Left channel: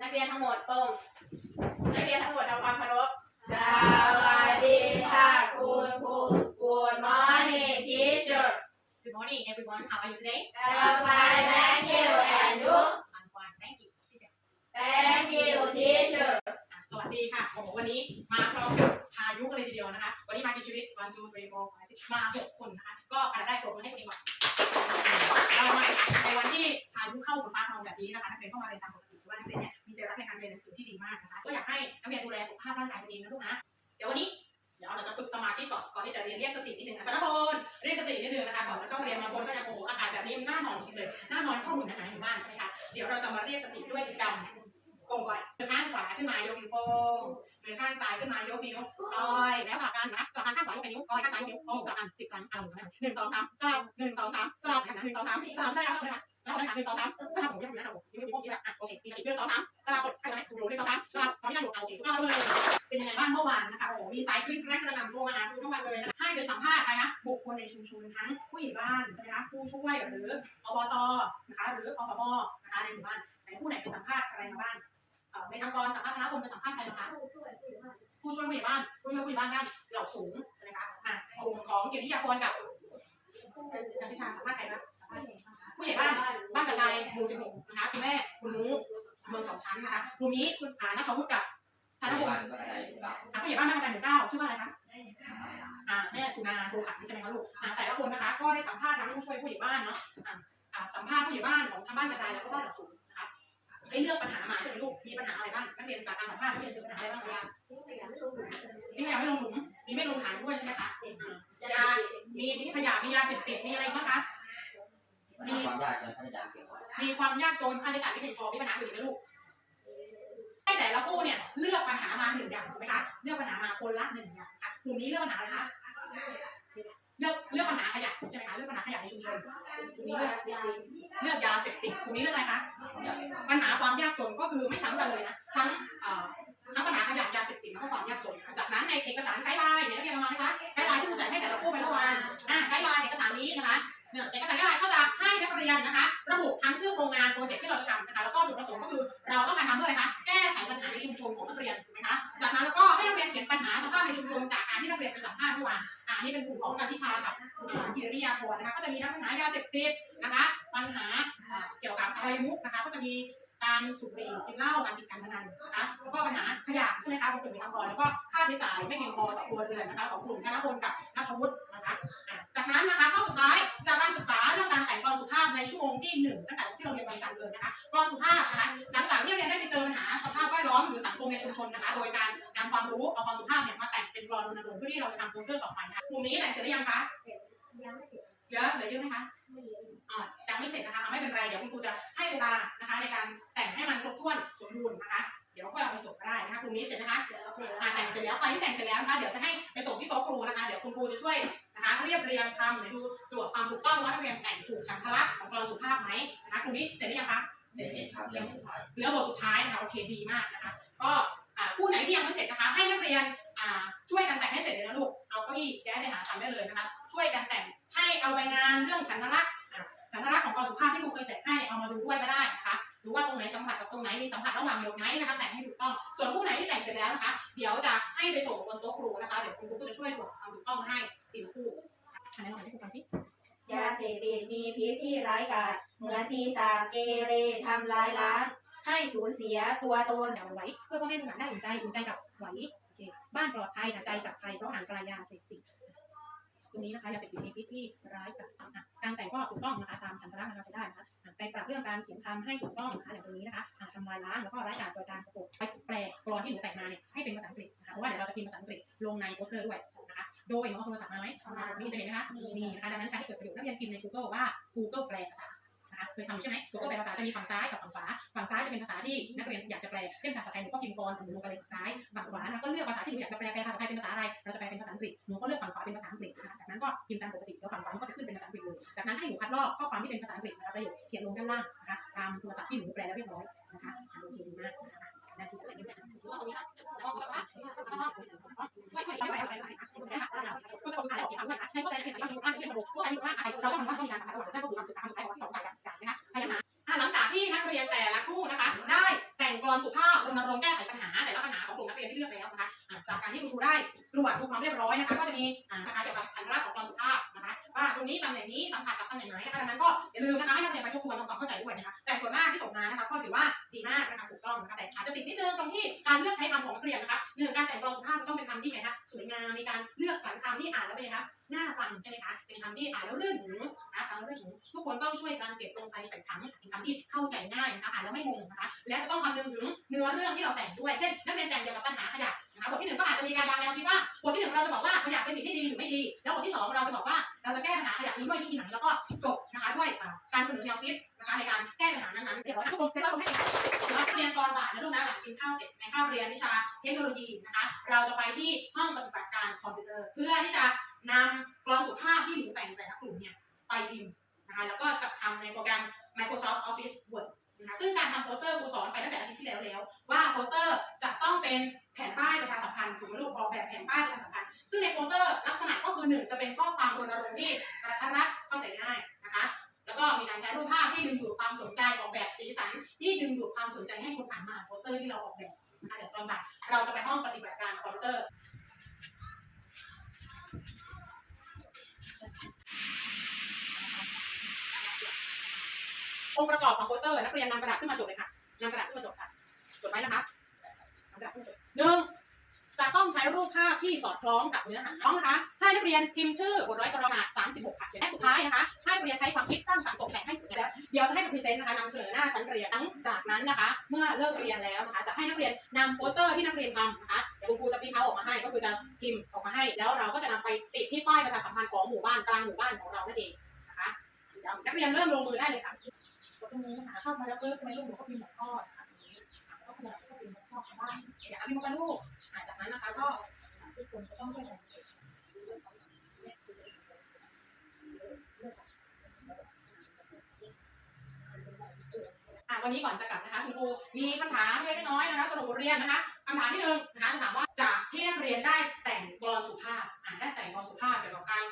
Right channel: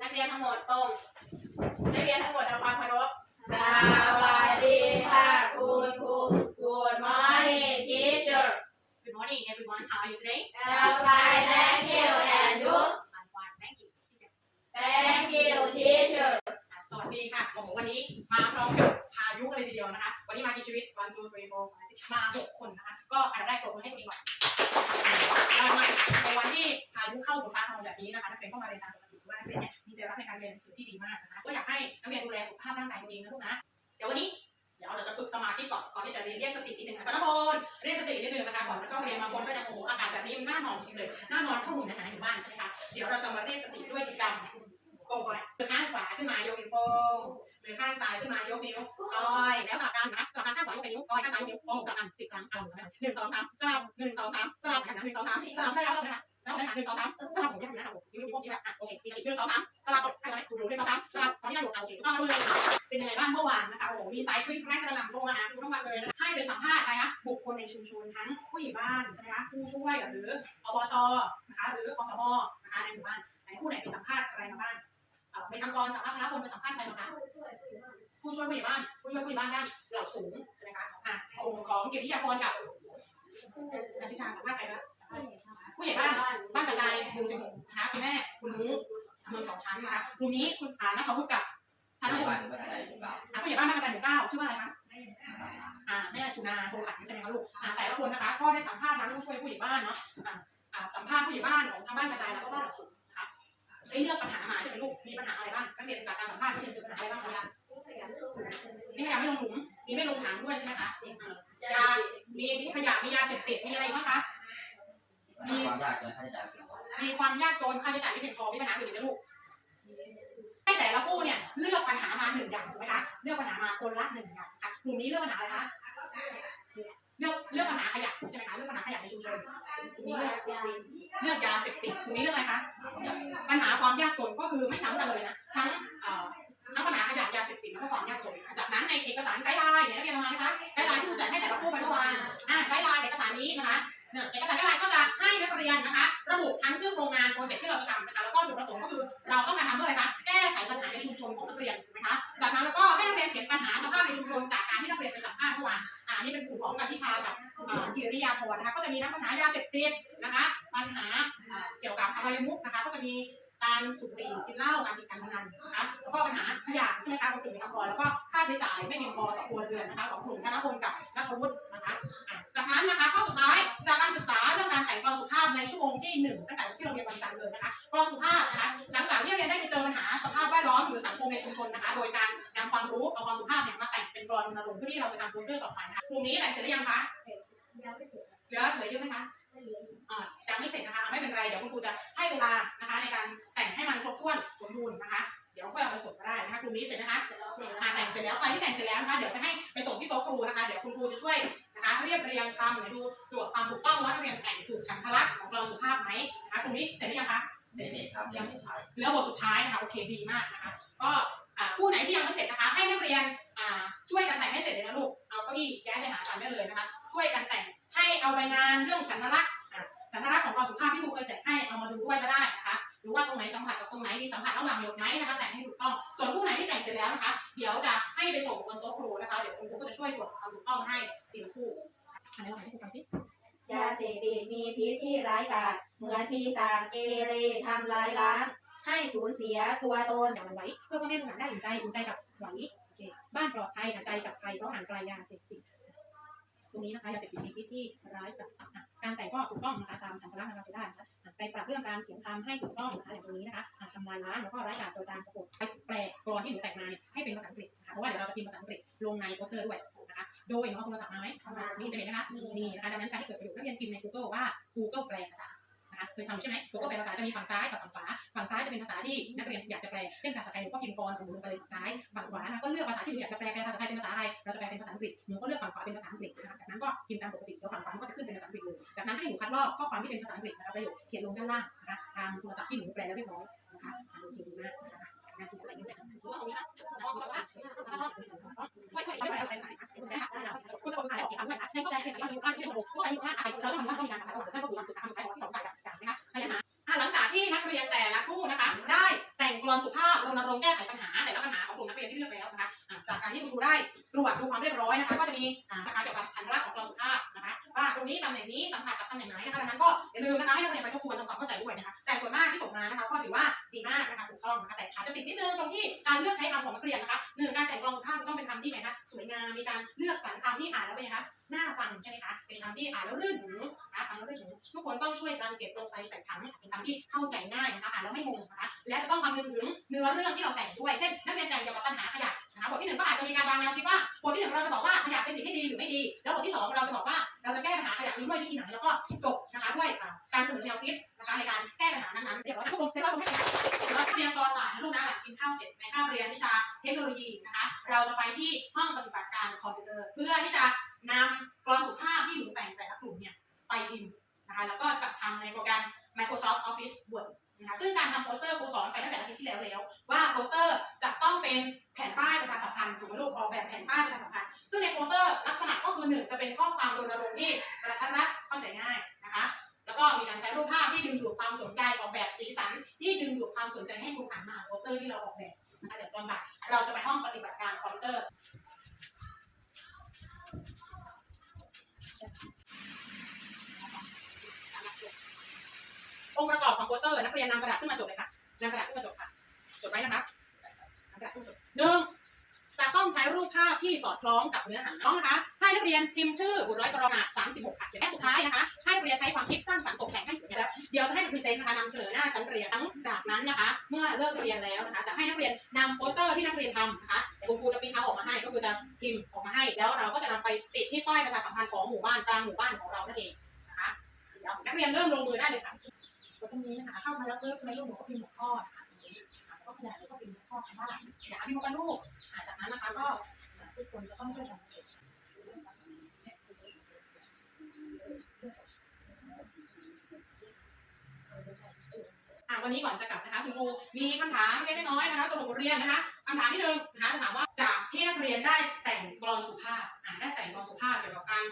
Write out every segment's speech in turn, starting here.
นักเรียนทั้งหมดตรง นักเรียนทั้งหมดทำความเคารพสวัสดีค่ะคุณครู Good morning teacher Good morning everyone how are you today I'm fine thank you and you I'm fine thank you Sit down. thank you teacher อะสวัสดีค่ะโอ้โหวันนี้มาพร้อมกับพายุกันเลยทีเดียวนะคะ วันนี้มากี่ชีวิต one two three four five six มาหกคนนะคะ ก็อันดับแรกปรบมือให้ตัวเองก่อนเรามาในวันที่พายุเข้าบนฟ้าขนองแบบนี้นะคะนักเรียนก็มาเรียนตามปกติถือว่านักเรียนเนี่ย เรียนหนังสือที่ดีมากนะคะ ก็อยากให้นักเรียนดูแลสุขภาพร่างกายตัวเองนะลูกนะ เดี๋ยววันนี้เดี๋ยวเราจะฝึกสมาธิก่อนก่อนที่จะเรียนเรียกสตินิดนึงนะคะทุกคนเรียกสตินิดนึงนะคะก่อนจะเข้าเรียนบางคนก็จะโอ้โหอากาศแบบนี้มันน่านอนจริงเลยหน่านอนข้อมูลนะคะอยู่บ้านใช่ไหมคะเดี๋ยวเราจะมาเรียกสติด้วยกิจกรรมโกงก่อนมือข้างขวาขึ้นมายกนิ้วโป้งมือข้างซ้ายขึ้นมายกนิ้วก้อยแล้วสลับกันนะสลับกันข้างขวายกเป็นนิ้วก้อยข้างซ้ายยกนิ้วโป้งสลับกันสิบครั้งเอาหนึ่งหนึ่งสองสามสลับหนึ่งสองสามสลับหนึ่งสองสามสลับได้แล้วนะคะ หนึ่งสองสามสลับผมยังนะคะผมนิ้วโป้งชี้แล้วอะโอเคมีอีกหนึ่งสองสามสลับกดให้ได้ถูกหนึ่งสองสามสลับตอนนี้ได้อยู่เอาโอเคทุกท่านเลยเป็นยังไงบ้างเมื่อวานนะคะโอ้โหมีสายคลิปแรกกระนำโทรมาหาทุกทั้งวันเลยนะคะให้ไปสัมภาษณ์อะไรนะบุคคลในชุมชนทั้งผู้ใหญ่บ้านใช่ไหมคะผู้ช่วยหรืออบตนะคะหรืออสมนะคะในหมู่บ้านไหนผู้ไหนไปสัมภาษณ์ใครมาบ้างเอ่อในทางกรกับพัฒนาพลไปสัมภาษณ์ใครมาคะผู้ช่วยผู้ใหญ่บ้านผู้ช่วยผู้ใหญ่บ้านบ้านเหล่าสูงใช่ไหมคะอะกลุ่มของเกียรติยาพรกับการพิชาสัมภาษณ์ใครนะผู้ใหญ่บ้าน สิบหกนะคะคุณแม่คุณนุ้เมืองสองชั้นนะคะกลุ่มนี้คุณอ่านักวุฒิกับธนพลอะผู้ใหญ่บ้านบ้านกระจายหมู่เก้าชื่อว่าอะไรคะอ่าแม่สุนาโทขันใช่ไหมคะลูกอ่าแต่ละคนนะคะ ก็ได้สัมภาษณ์ทั้งผู้ช่วยผู้ใหญ่บ้านเนาะอ่าอ่าสัมภาษณ์ผู้ใหญ่บ้านของทางบ้านกระจายแล้วก็บ้านเหล่าสูงนะคะได้เลือกปัญหามาใช่ไหมลูกมีปัญหาอะไรบ้างนักเรียนจากการสัมภาษณ์นักเรียนเจอปัญหาอะไรบ้างคะทิ้งขยะไม่ลงหลุมมีไม่ลงถังด้วยใช่ไหมคะอ่ายามีทิ้งขยะมียาเสพติดมีอะไรอีกบ้างคะมีความยากเกินค่าใช้จ่ายเพียงพอ มีความยากจนค่าใช้จ่ายไม่เพียงพอมีปัญหาอื่นอีกไหมลูกให้แต่ละคู่เนี่ยเลือกปัญหามาหนึ่งอย่างถูกไหมคะเลือกปัญหามาคนละหนึ่งอย่างค่ะกลุ่มนี้เลือกปัญหาอะไรคะเลือกเลือกปัญหาขยะใช่ไหมคะเลือกปัญหาขยะในชุมชนกลุ่มนี้เลือกเลือกยาเสพติดกลุ่มนี้เลือกอะไรคะปัญหาความยากจนก็คือไม่ซ้ำกันเลยนะทั้งเอ่อทั้งปัญหาขยะยาเสพติดแล้วก็ความยากจนจากนั้นในเอกสารไกด์ไลน์เนี่ยนักเรียนเอามาไหมคะไกด์ไลน์ที่ครูจ่ายให้แต่ละคู่ไปเมื่อวานอ่าไกด์ไลน์เอกสารนี้นะคะเนี่ยเอกสารไกด์ไลน์ก็จะให้นักเรียนนะคะ ทั้งชื่อโครงงานโปรเจกต์ที่เราจะทำนะคะแล้วก็จุดประสงค์ก็คือเราต้องการทำเพื่ออะไรคะแก้ไขปัญหาในชุมชนของนักเรียนถูกไหมคะจากนั้นแล้วก็ให้นักเรียนเขียนปัญหาสภาพในชุมชนจากการที่นักเรียนไปสัมภาษณ์เมื่อวานอ่านี่เป็นกลุ่มของการทิชากับอ่ากิริยาพรนะคะก็จะมีทั้งปัญหายาเสพติดนะคะ ปัญหาเกี่ยวกับอบายมุขนะคะ ก็จะมีการสูบบุหรี่กินเหล้าการติดการพนันนะคะแล้วก็ปัญหาขยะใช่ไหมคะของกลุ่มในทางกรแล้วก็ค่าใช้จ่ายไม่เพียงพอต่อครัวเรือนนะคะของกลุ่มธนพลกับนัทวุฒิ จากนั้นนะคะข้อสุดท้ายจากการศึกษาเรื่องการแต่งกลอนสุภาพในชั่วโมงที่หนึ่งตั้งแต่ที่เราเรียนวันจันทร์เลยนะคะกลอนสุภาพนะคะหลังจากที่เราเรียนได้ไปเจอปัญหาสภาพแวดล้อมหรือสังคมในชุมชนนะคะ โดยการนำความรู้เอาความสุภาพเนี่ยมาแต่งเป็นกลอนรณรงค์เพื่อที่เราจะทำโปสเตอร์ต่อไปนะคะกลุ่มนี้แต่งเสร็จหรือยังคะเหลือเหลือเยอะไหมคะอ่ายังไม่เสร็จนะคะอะไม่เป็นไรเดี๋ยวคุณครูจะให้เวลานะคะ ในการแต่งให้มันครบถ้วนสมบูรณ์นะคะเดี๋ยวค่อยเอาไปส่งก็ได้นะคะกลุ่มนี้เสร็จนะคะอ่าแต่งเสร็จแล้วใครที่แต่งเสร็จแล้วนะคะเดี๋ยวจะให้ไปส่งที่โต๊ะครูนะคะ เดี๋ยวคุณครูจะช่วย นะคะเรียบเรียงคำเดี๋ยวดูตรวจความถูกต้องว่านักเรียนแต่งถูกฉันทลักษณ์ของเราสุภาพไหมนะคะกลุ่มนี้เสร็จหรือยังคะเสร็จเสร็จครับยังสุดท้ายเหลือบทสุดท้ายนะคะโอเคดีมากนะคะ ก็อ่าผู้ไหนที่ยังไม่เสร็จนะคะ ให้นักเรียนอ่าช่วยกันแต่งให้เสร็จเลยนะลูกเอาเก้าอี้แก้ไปหากันได้เลยนะคะ ช่วยกันแต่งให้เอาใบงานเรื่องฉันทลักษณ์อะฉันทลักษณ์ของกองสุภาพที่ครูเคยแจกให้เอามาดูด้วยก็ได้นะคะดูว่าตรงไหนสัมผัสกับตรงไหนมีสัมผัสระหว่างหยดไหมนะคะแต่งให้ถูกต้อง ส่วนผู้ไหนที่แต่งเสร็จแล้วนะคะ เดี๋ยวจะให้ไปส่งบนโต๊ะครูนะคะ เดี๋ยวคุณครูก็จะช่วยตรวจความถูกต้องให้ทีละคู่อัน ไหนลองให้ครูฟังสิยาเสพติดมีพิษที่ร้ายกาจเหมือนปีศาจเกเรทำลายล้าง ให้สูญเสียตัวตนเดี๋ยวมันไหวเพื่อพ่อแม่ลูกหลานได้อุ่นใจอุ่นใจกับไหวโอเคบ้านปลอดภัยแต่ใจกับภัยเพราะห่างไกลยาเสพติดตรงนี้นะคะยาเสพติดมีพิษที่ร้ายกับอะการแต่งก็ถูกต้องนะคะตามฉันทลักษณ์นะคะใช้ได้นะคะอะไปปรับเรื่องการเขียนคำให้ถูกต้องนะคะอย่างตรงนี้นะคะอะทำลายล้างแล้วก็ร้ายกาจโดยการสะกดไปแปลกรอนที่หนูแต่งมาเนี่ยให้เป็นภาษาอังกฤษนะคะเพราะว่าเดี๋ยวเราจะพิมพ์ภาษาอังกฤษลงในโปสเตอร์ด้วยนะคะ โดยหนูเอาโทรศัพท์มาไหมมีอินเทอร์เน็ตนะคะมีนะคะดังนั้นใช้ให้เกิดประโยชน์นักเรียนพิมพ์ใน Google ว่า Google แปลภาษานะคะเคยทำใช่ไหม Google แปลภาษาจะมีฝั่งซ้ายกับฝั่งขวา ฝั่งซ้ายจะเป็นภาษาที่นักเรียนอยากจะแปล เช่นภาษาไทยหนูก็พิมพ์กรหนูลงไปเลยฝั่งซ้าย ฝั่งขวานะก็เลือกภาษาที่หนูอยากจะแปล แปลภาษาไทยเป็นภาษาอะไร เราจะแปลเป็นภาษาอังกฤษ หนูก็เลือกฝั่งขวาเป็นภาษาอังกฤษนะคะจากนั้นก็พิมพ์ตามปกติแล้วฝั่งขวามันก็จะขึ้นเป็นภาษาอังกฤษเลย จากนั้นให้หนูคัดลอกข้อความที่เป็นภาษาอังกฤษนะคะประโยคเขียนลงด้านล่างนะคะตามโทรศัพท์ที่หนูแปลแล้วเรียบร้อยนะคะอะโอเคดีมากนะคะหน้าที่อะไรนี่ดูว่าตรงนี้นะแล้วก็ว่าช่วยช่ว ต้องขายออกอีกครั้งด้วยนะในข้อแปเป็นสิ่งที่ไม่ใระบบพวกอายุมาอายุเราต้องทำว่าต้องมีการสารระหว่างเพื่อนผู้มีความสุขตามสุขภาพที่สองฝ่ายกับอย่างนะคะพยายามหลังจากที่นักเรียนแต่ละคู่นะคะ ได้แต่งกลอนสุภาพรณรงค์แก้ไขปัญหาแต่ละปัญหาของกลุ่มนักเรียนที่เลือกแล้วนะคะจากการที่คุณครูได้ตรวจดูความเรียบร้อยนะคะ ก็จะมีนะคะเกี่ยวกับชั้นระดับของกลอนสุภาพนะคะ ว่าตรงนี้ตำแหน่งนี้สัมผัสกับตำแหน่งไหนนะคะดังนั้นก็อย่าลืมนะคะให้นักเรียนไปทบทวนทำความเข้าใจด้วยนะคะ แต่ส่วนมากที่ส่งมานะคะก็ถือว่าดีมากนะคะถูกต้องนะคะแต่ขาจะติดนิดนึงตรงที่การเลือกใช้คำของนักเรียนนะคะหนึ่งการแต่งกลอนสุภาพต้องเป็นคำที่ไงนะ งามมีการเลือกสรรคำที่อ่านแล้วเป็นไงคะน่าฟังใช่ไหมคะเป็นคำที่อ่านแล้วลื่นหูนะฟังแล้วลื่นหูทุกคนต้องช่วยกันเก็บลงไปใส่ถังเป็นคำที่เข้าใจง่ายนะคะอ่านแล้วไม่งงนะคะและจะต้องคำนึงถึงเนื้อเรื่องที่เราแต่งด้วยเช่นนักเรียนแต่งเกี่ยวกับปัญหาขยะนะคะบทที่หนึ่งก็อาจจะมีการวางแนวคิดว่าบทที่หนึ่งเราจะบอกว่าขยะเป็นสิ่งที่ดีหรือไม่ดี แล้วบทที่สองเราจะบอกว่าเราจะแก้ปัญหาขยะนี้ด้วยวิธีไหนแล้วก็จบ ด้วยการเสนอแนวคิดนะคะในการแก้ปัญหานั้นๆเดี๋ยวนะทุกคนเสร็จแล้วผมให้เราเรียนตอนบ่ายนะลูกนะหลังกินข้าวเสร็จในคาบเรียนวิชาเทคโนโลยีนะคะเราจะไปที่ห้องปฏิบัติการคอมพิวเตอร์ เพื่อที่จะนำกรอนสุภาพที่หนูแต่งแต่ละกลุ่มเนี่ยไปพิมพ์นะคะแล้วก็จัดทำในโปรแกรม Microsoft Office Word นะคะซึ่งการทำโปสเตอร์ครูสอนไปตั้งแต่อาทิตย์ที่แล้วแล้ว ร์ที่เราออกแบบนะคะเดี๋ยวตอนบ่ายเราจะไปห้องปฏิบัติการคอมพิวเตอร์องค์ประกอบของโปสเตอร์นักเรียนนำกระดาษขึ้นมาจดเลยค่ะนำกระดาษขึ้นมาจดค่ะจดไว้นะคะนำกระดาษขึ้นมาจดหนึ่ง รูปภาพที่สอดคล้องกับเนื้อหาต้องนะคะให้นักเรียนพิมพ์ชื่อบทร้อยกรณา36ค่ะและสุดท้ายนะคะ ให้นักเรียนใช้ความคิดสร้างสรรค์ตกแต่งให้สวยงามเดี๋ยวจะให้พรีเซนต์นะคะนำเสนอหน้าชั้นเรียนหลังจากนั้นนะคะ เมื่อเลิกเรียนแล้วนะคะ จะให้นักเรียนนำโปสเตอร์ที่นักเรียนทำนะคะคุณครูจะพิมพ์เอาออกมาให้ก็คือจะพิมพ์ออกมาให้ แล้วเราก็จะนำไปติดที่ป้ายประชาสัมพันธ์ของหมู่บ้านกลางหมู่บ้านของเรานั่นเองนะคะเดี๋ยวนักเรียนเริ่มลงมือได้เลยค่ะตรงนี้นะคะเข้ามาแล้วปุ๊บใช่ไหมลูกหนูก็พิมพ์หัวข้อนะคะตรงนี้แล้วก็ขยายแล้ก็พิมพ์หัวข้อคำว่าอย่าพิมพ์มาลูก จากนั้นนะคะก็ทุกคนจะต้องช่วยกันเก็บวันนี้ก่อนจะกลับนะคะคุณครูมีคำถามเล็กน้อยนะคะสำหรุปบทเรียนนะคะคำถามที่หนึ่งนะคะจะถามว่าจากที่นักเรียนได้แต่งกลอนสุภาพอ่าได้แต่งกลอนสุภาพเกี่ยวกับการ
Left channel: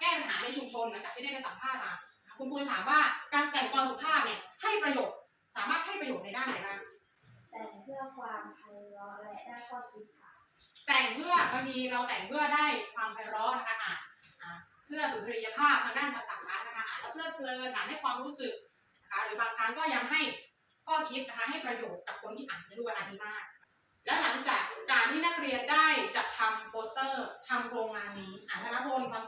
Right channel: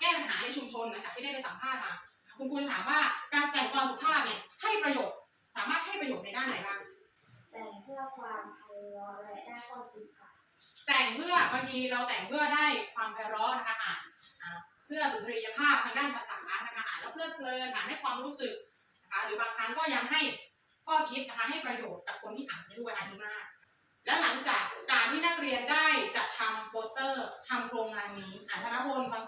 แก้ปัญหาในชุมชนหลังจากที่ได้ไปสัมภาษณ์มาคุณครูจะถามว่าการแต่งกลอนสุภาพเนี่ยให้ประโยชน์ สามารถให้ประโยชน์ในด้านไหนบ้าง พื่อความไพเราะและได้ข้อคิดค่ะ แต่งเพื่อบางทีเราแต่งเพื่อได้ความไพเราะนะคะอ่านเพื่อสุนทรียภาพทางด้านภาษานะคะอ่านแล้วเพลิดเพลินอ่านให้ความรู้สึกนะคะหรือบางครั้งก็ยังให้ข้อคิดนะคะให้ประโยชน์กับคนที่อ่านได้ด้วยอันนี้มาก และหลังจากการที่นักเรียนได้จัดทำโปสเตอร์ทำโครงงานนี้อ่านธนพลฟัง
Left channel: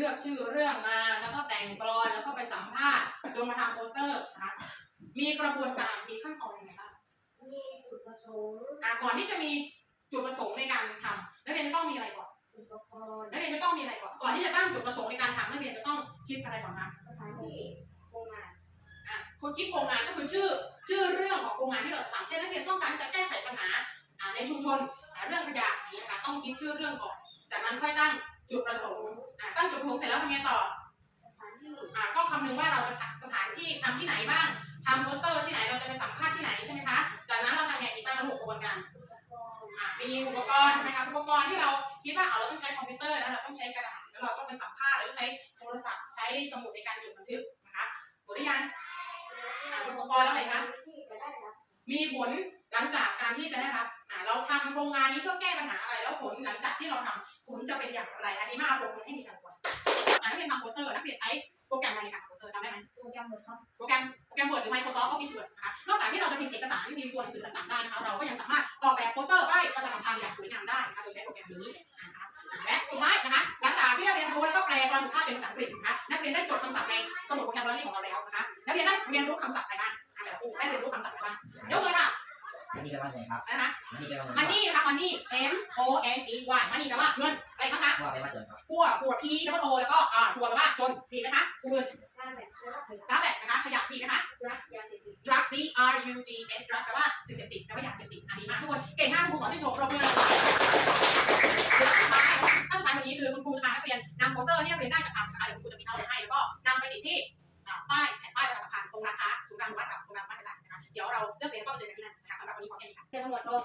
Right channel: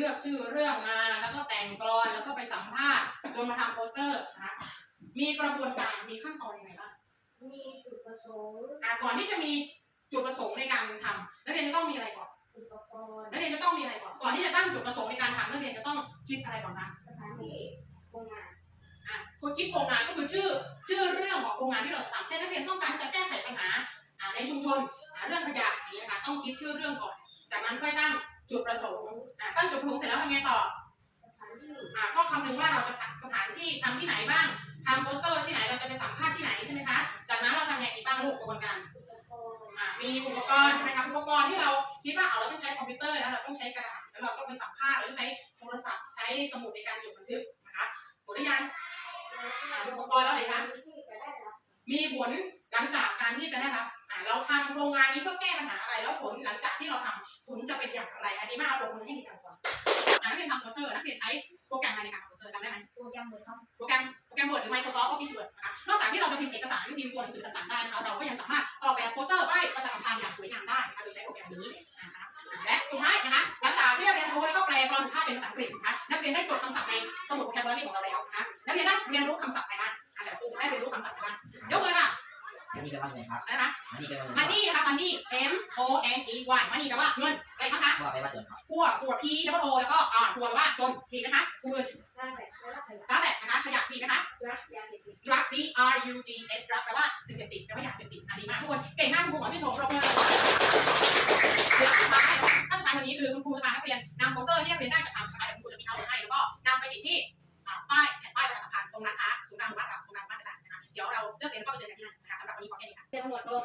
ลือกชื่อเรื่องมาแล้วก็แต่งกลอนแล้วก็ไปสัมภาษณ์จนมาทำโปสเตอร์นะคะมีกระบวนการมีขั้นตอนยังไงบ้างมีจุดประสงค์อะก่อนที่จะมีจุดประสงค์ในการทำนักเรียนจะต้องมีอะไรก่อนอุปกรณ์นักเรียนจะต้องมีอะไรก่อนก่อนที่จะตั้งจุดประสงค์ในการทำนักเรียนจะต้องคิดอะไรก่อนคะสถานที่โรงงานอะคุณคิดโครงงานก็คือชื่อชื่อเรื่องของโครงงานที่เราจะทำเช่นนักเรียนต้องการจะแก้ไขปัญหาอ่าในชุมชนอ่าเรื่องขยะอย่างนี้นะคะต้องคิดชื่อเรื่องก่อน จากนั้นค่อยตั้งจุดประสงค์ อ่าตั้งจุดประสงค์เสร็จแล้วทำไงต่อ อ่าก็คำนึงว่าเราจะสถานที่ทำที่ไหนบ้างทำโปสเตอร์ที่ไหนเราจะไปสัมภาษณ์ที่ไหนใช่ไหมคะ จากนั้นเราทำไงอีกบ้างลูกกระบวนการอะมีอุปกรณ์ใช่ไหมครับอุปกรณ์ที่เราคิดว่าเอาเราต้องใช้คอมพิวเตอร์แล้วเราต้องใช้กระดาษแล้วเราต้องไปสัมภาษณ์หรือใช้โทรศัพท์ใช้สมุดในการจดบันทึกนะคะหมดหรือยังอ่าอุปกรณ์แล้วอะไรคะมีผลหลังจากการ ที่จะได้รับอ่าเราทำโครงงานนี้เพื่อแก้ปัญหาอะไรแล้วผลหลังจากที่เราทำผลจะเป็นอย่างไร อันนี้มาเอาปรบมือให้มีการก่อนอ่านักเรียนทำโปสเตอร์นักเรียนใช้โปรแกรมอะไรในการทำโปสเตอร์จำได้ไหมโปรแกรมเวิร์ดครับโปรแกรมโปรแกรม Word หรือ Microsoft Office Word นะคะนอกจากที่เราจะพิมพ์เอกสารพิมพ์ตัวหนังสือต่างๆได้นะคะเราก็ยังสามารถออกแบบโปสเตอร์ ผิดนะคะรักยาเสพติด drug D R U G S drug แปลว่าสิ่งเสพติดแปลว่าอยาเสพติดอันนี้มากทุกคนเก่งมากคุณครูขอชื่นชมปรบมือเดี๋ยวสุดท้ายถ้าสุดท้ายวันนี้คือคุณครูจะพานักเรียนนำโปสเตอร์ที่นักเรียนได้จากทางสาขาเดี๋ยวคุณครูจะพิมพ์เอาไว้ให้แล้วก็นำไปติดที่อ่าป้ายแผ่นป้ายประชาสัมพันธ์ตรงร้านค้าศูนย์กลางหมู่บ้านเราตรงกลางบ้านกระจายนะคะเดี๋ยวเราเลิกเรียนก็ไปเจอกันที่นั่นนะคะสำหรับวันนี้ขอแค่นี้ค่ะเจ้าหมวดโลก